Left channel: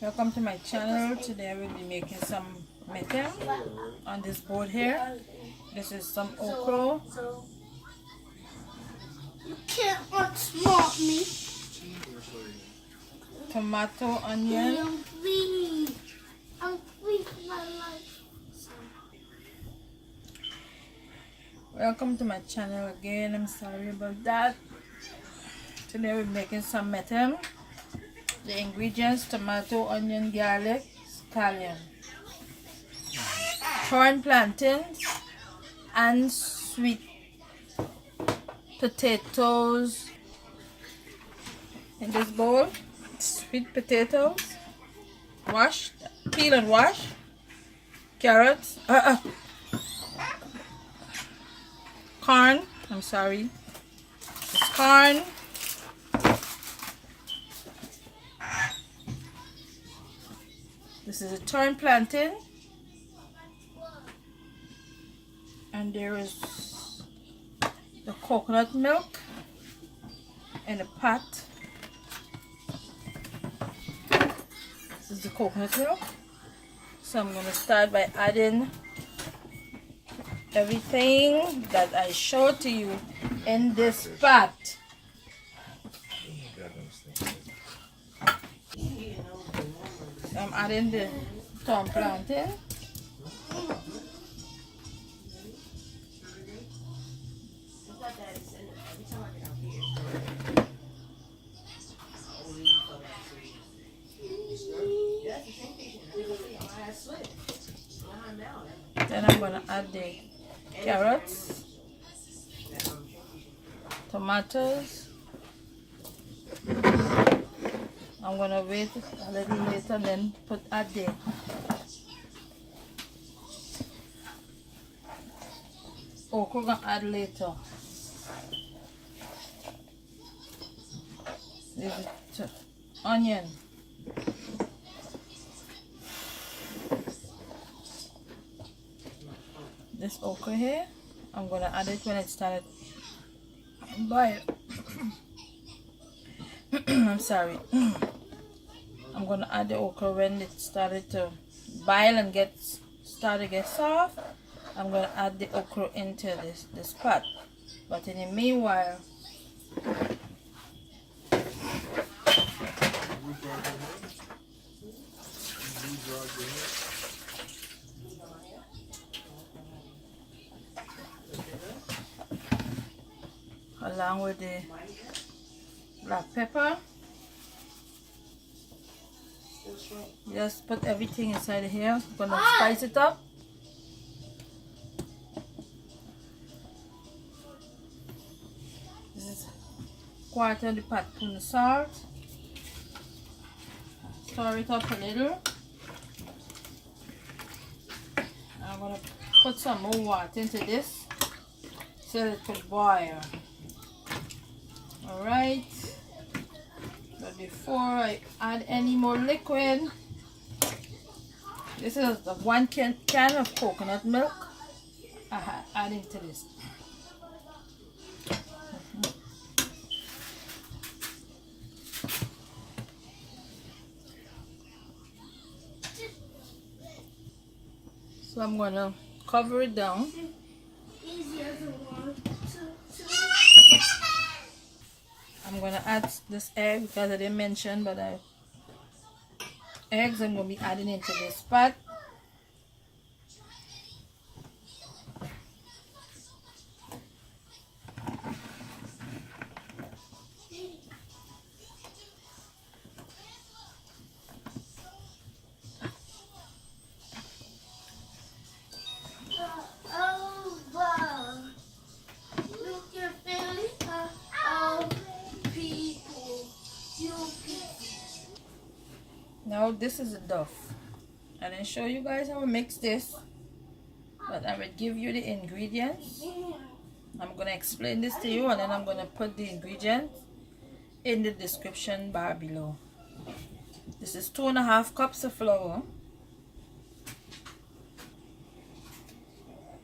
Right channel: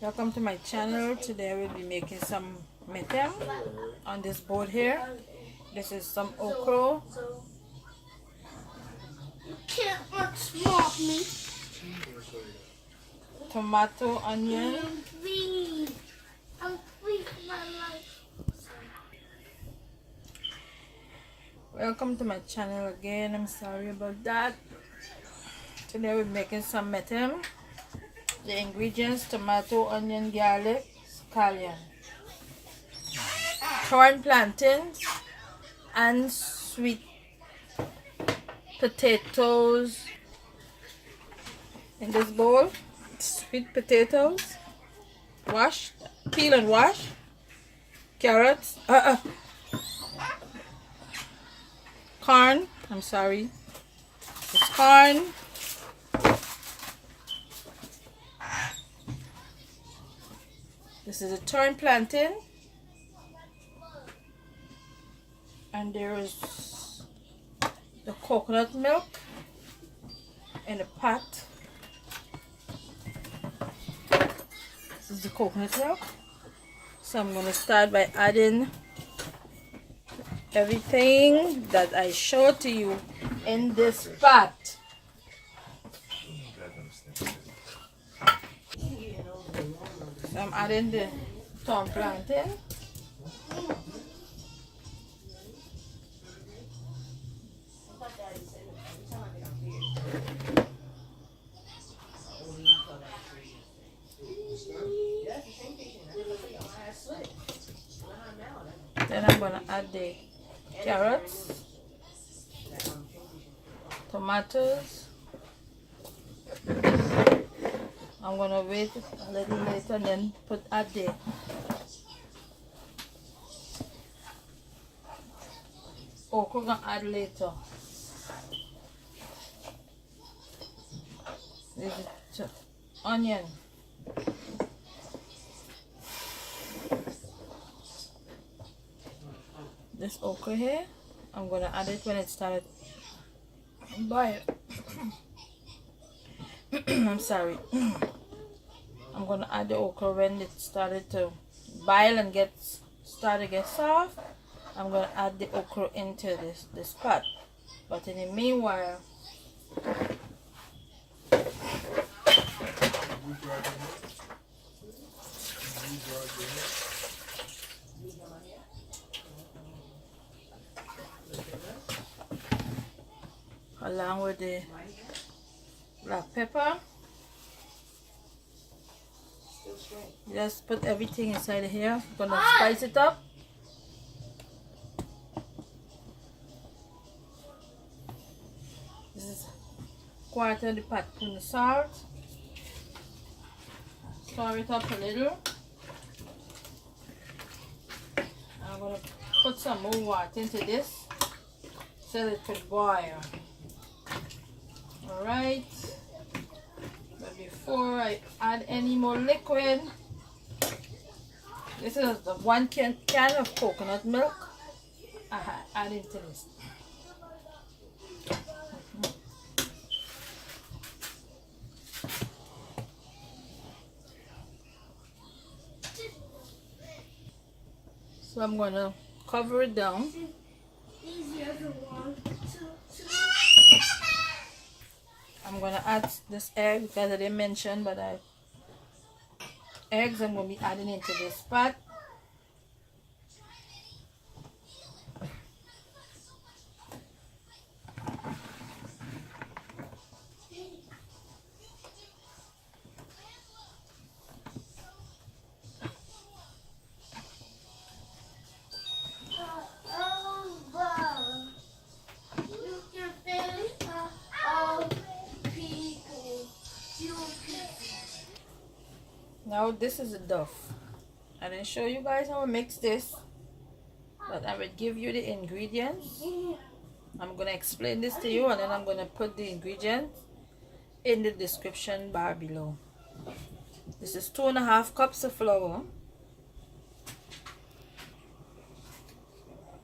Welcome to my channel. Today we'll be making some metam on this board here. This is some okra. You can't outsmart me. Tomato, onion. I'm free for my life. Welcome to my channel again. I'm sorry about that. Today we're making some metam. The ingredients: tomato, onion, garlic, scallion, torn plantains, and sweet potatoes in this bowl. Sweet potatoes, wash, peel and wash. Carrots, corn. I'm sorry, it's corn. This is a torn plantain, and there is the coconut milk in a pot. This is the coconut milk. So I'm going to start by adding everything that I showed to you in this pot. So I'm adding the torn plantain. Then I'm going to add the carrots, tomatoes. I'm going to wait a little later and then add the okra. Gonna add later. This is onion. This okra here, I'm gonna add it when it started boil. I'm sorry. I'm gonna add the okra when it started to boil and get soft. I'm gonna add the okra into this pot. But in the meanwhile, along with the black pepper, just put everything inside here. I'm gonna spice it up. This is quarter the pot full of salt. Stir it up a little. I'm gonna put some more water into this so it could boil. Alright, but before I add any more liquid, this is the 1 can of coconut milk I add into this. So I'm going to cover it down. I'm going to add this egg because I didn't mention, but eggs I'm going to be adding into this pot. Now this is a Duff. I didn't show you guys how to mix this, but I will give you the ingredients. I'm going to explain this to you, and then I'm going to put the ingredients in the description bar below. This is 2.5 cups of flour.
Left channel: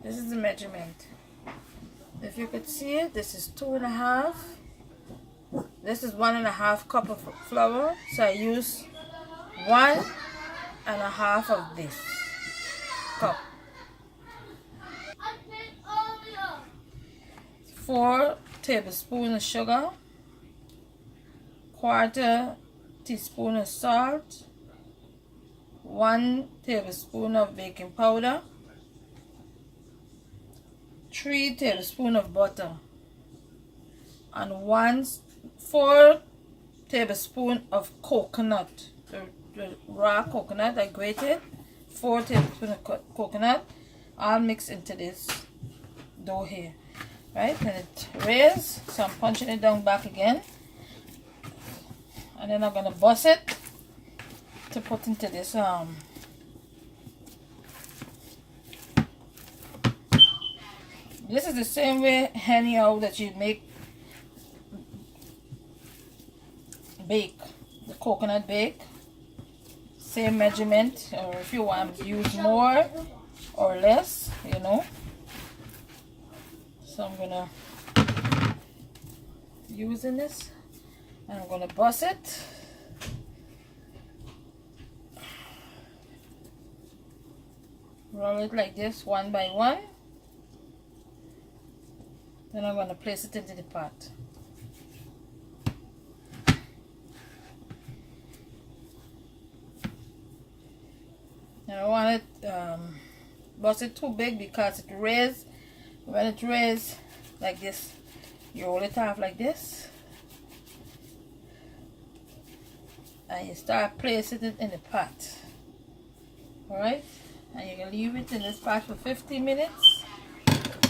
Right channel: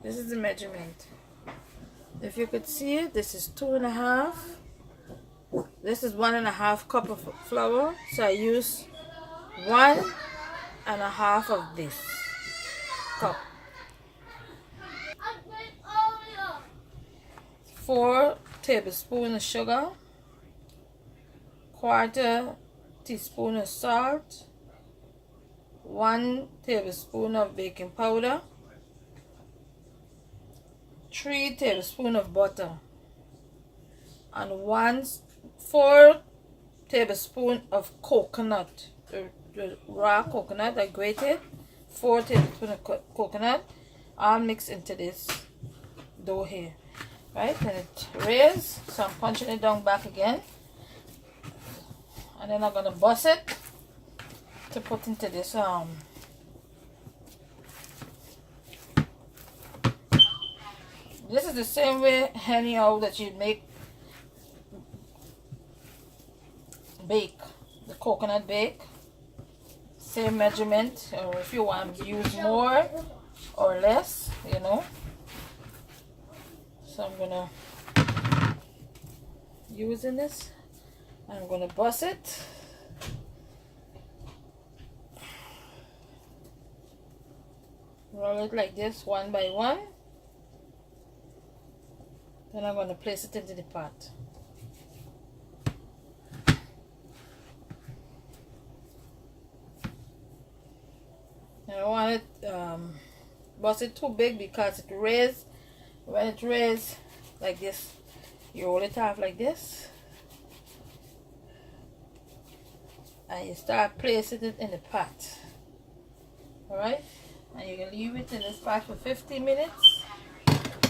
This is the measurement. If you could see it, this is 2.5. This is 1.5 cup of flour. So I use 1.5 of this cup. 4 tablespoons of sugar, 1/4 teaspoon of salt, 1 tablespoon of baking powder, 3 tablespoons of butter, and 4 tablespoons of coconut, the raw coconut I grated. 4 tablespoons of coconut, all mixed into this dough here. Right, and it raised, so I'm punching it down back again, and then I'm gonna bust it to put into this this is the same way anyhow that you bake the coconut bake, same measurement, or if you want to use more or less, you know. So I'm gonna using this, and I'm gonna bust it. Roll it like this, one by one. Then I'm gonna place it into the pot. I don't want it bust it too big because it raises. When it raises like this, you roll it off like this, and you start placing it in the pot. Alright, and you can leave it in this pot for 15 minutes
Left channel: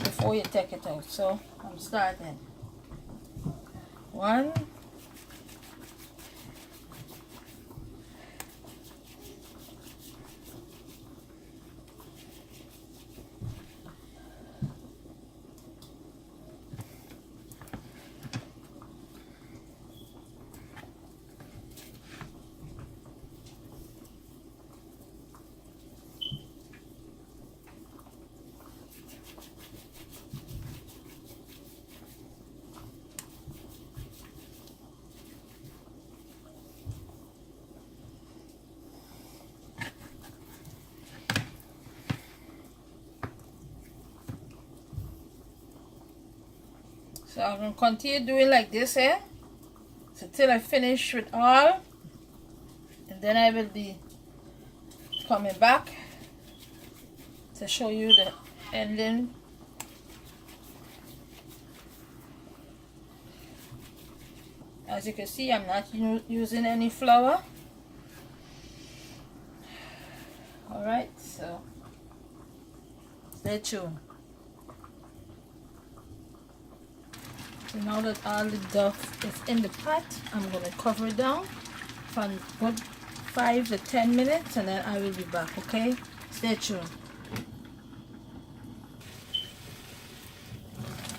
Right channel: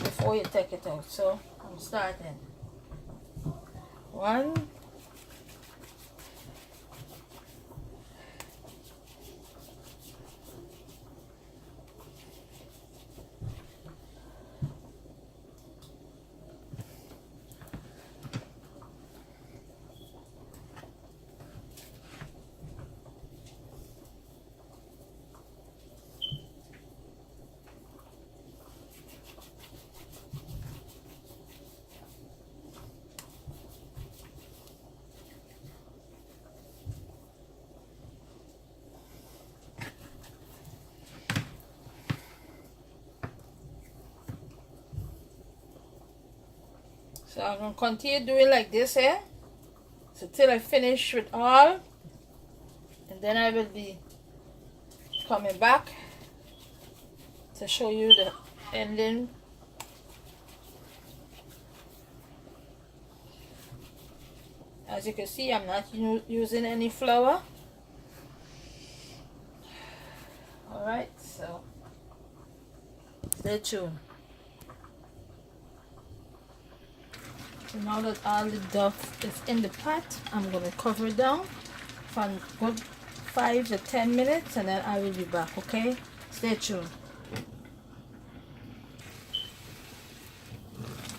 before you take it out. So I'm starting. 1, so I'm going to continue doing like this here, so till I finish with all, and then I will be coming back to show you the ending. As you can see, I'm not using any flour. Alright, so stay tuned. So now that all the duff is in the pot, I'm going to cover it down for good 5 to 10 minutes, and then I will be back, okay? Stay tuned.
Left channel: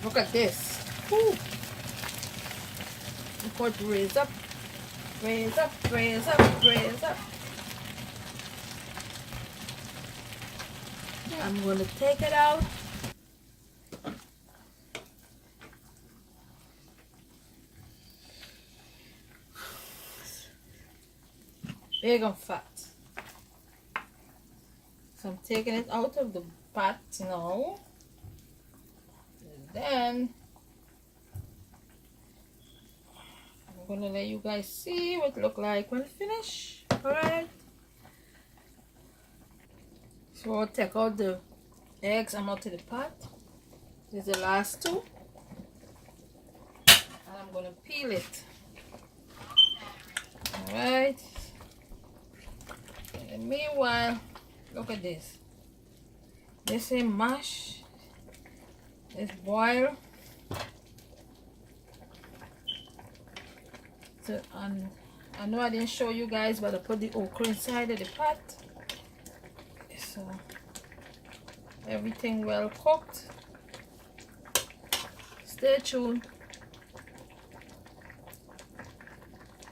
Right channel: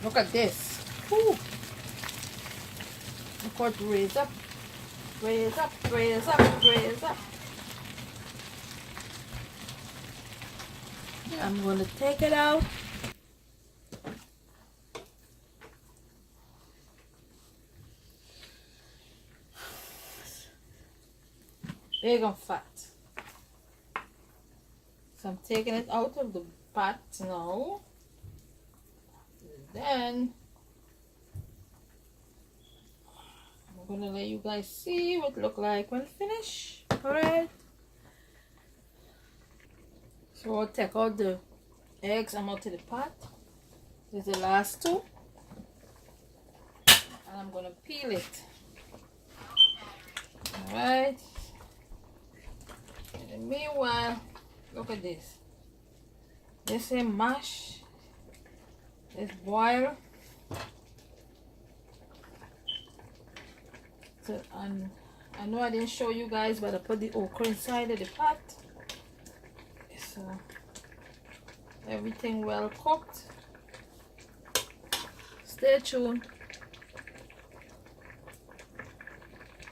Look at this. Woo. Look how it raise up, raise up, raise up, raise up. I'm going to take it out. Big and fat. So I'm taking it out of the pot now. Then I'm gonna let you guys see what it look like when finished. Alright. So I'll take out the eggs I'm out of the pot. This is the last 2. And I'm gonna peel it. Alright. And meanwhile, look at this. This is mash. It's boil. So, and I know I didn't show you guys, but I put the okra inside of the pot. So everything well cooked. Stay tuned.